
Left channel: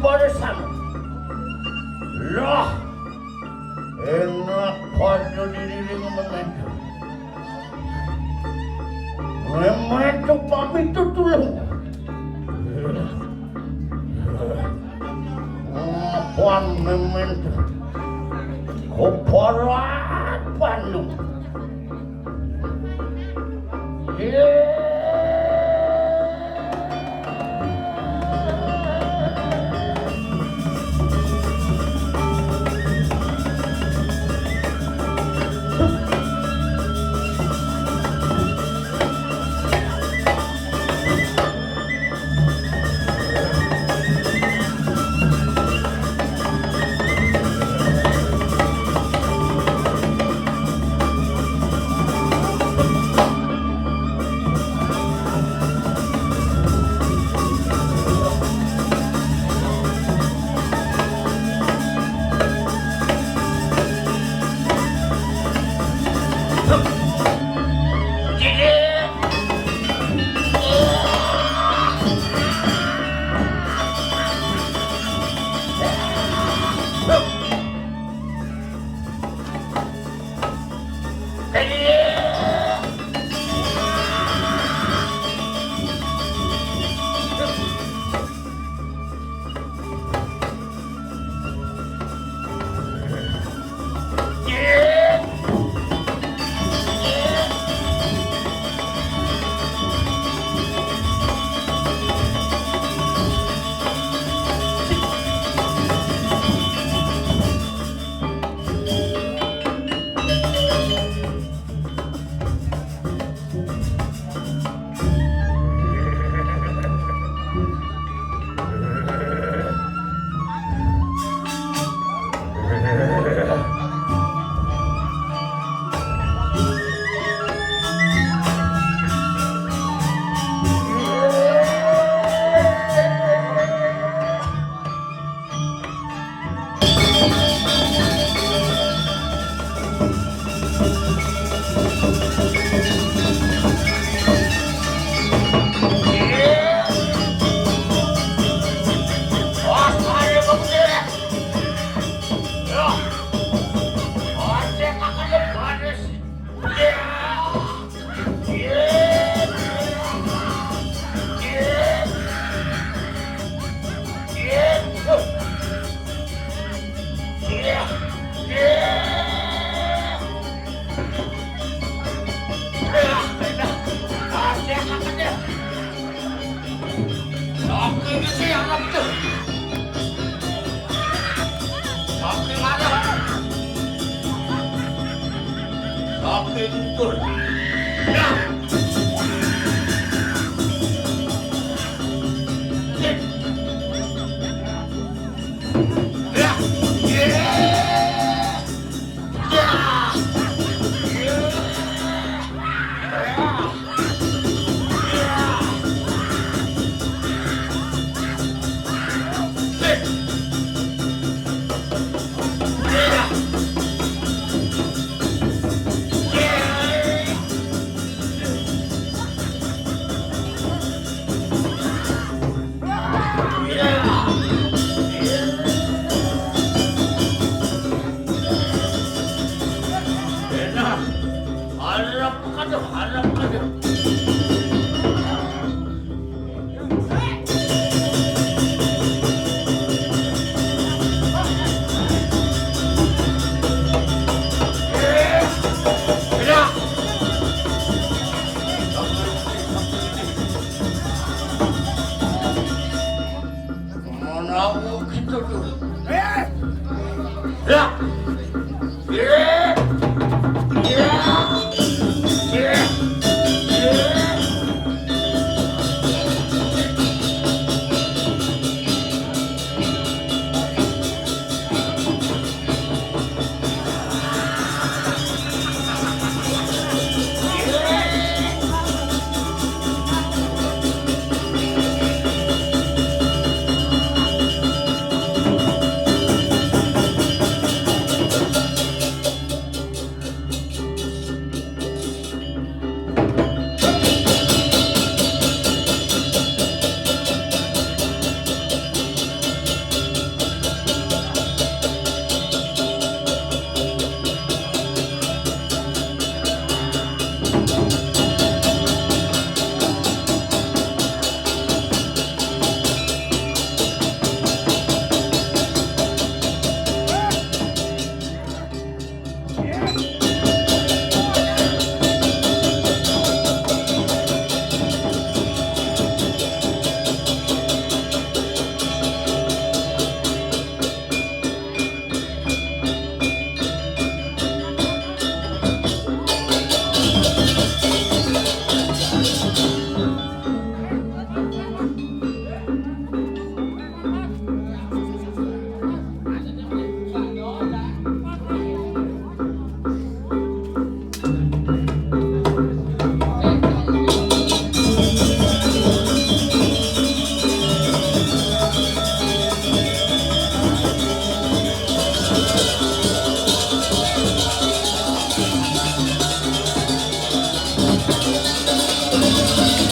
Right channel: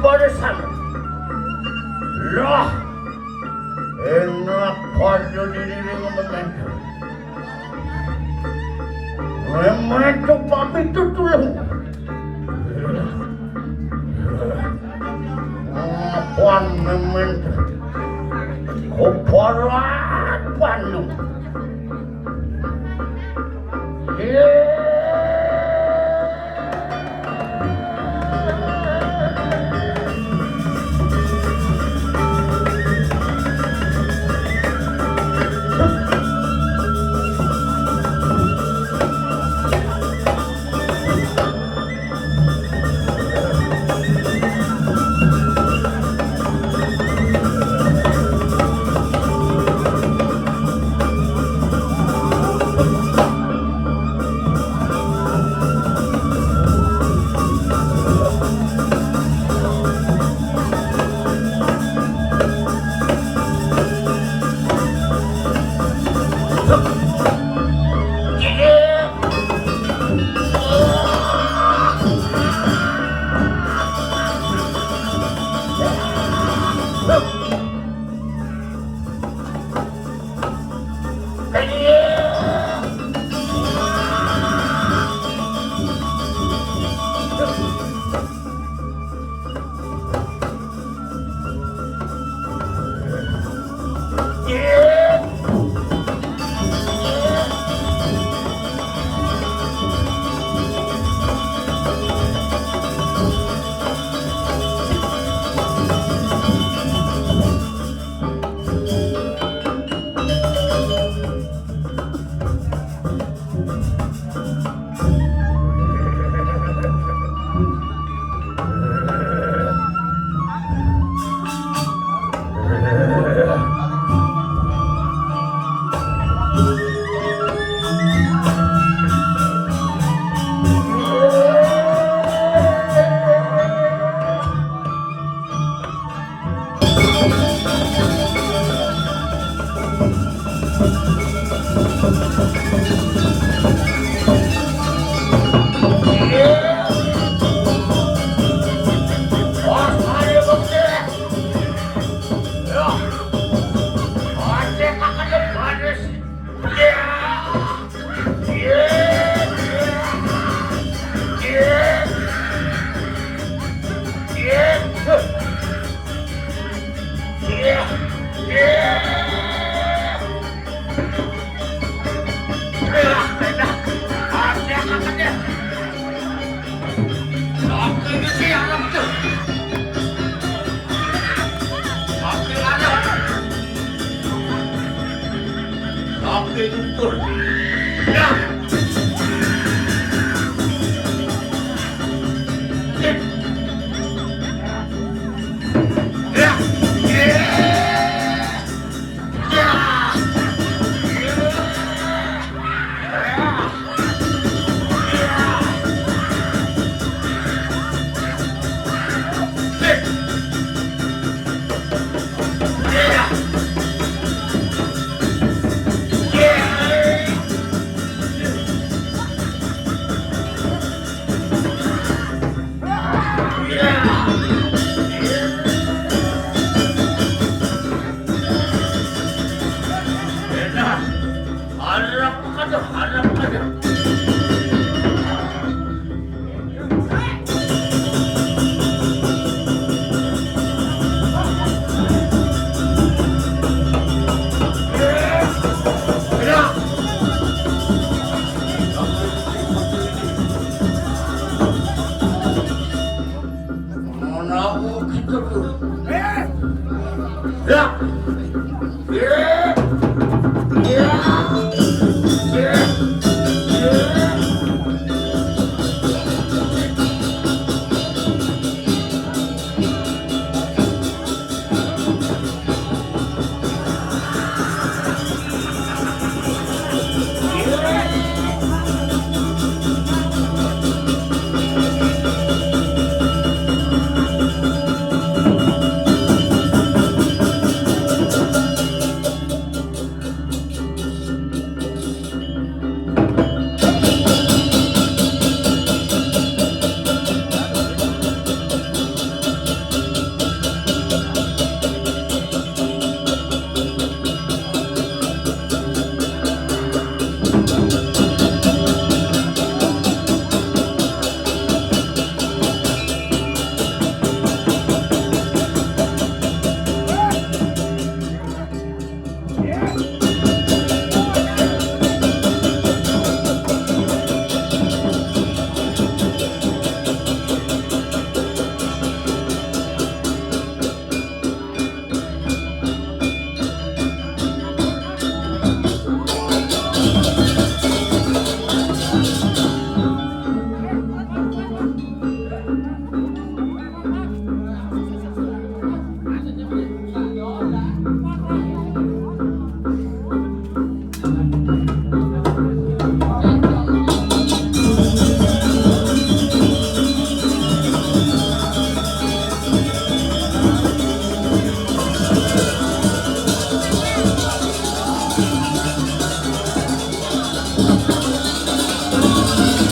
barisan. Lah, enak pada diri mementu. Mementu papi itu tulung. Apaan mementu? Koparat Bandung. Ya.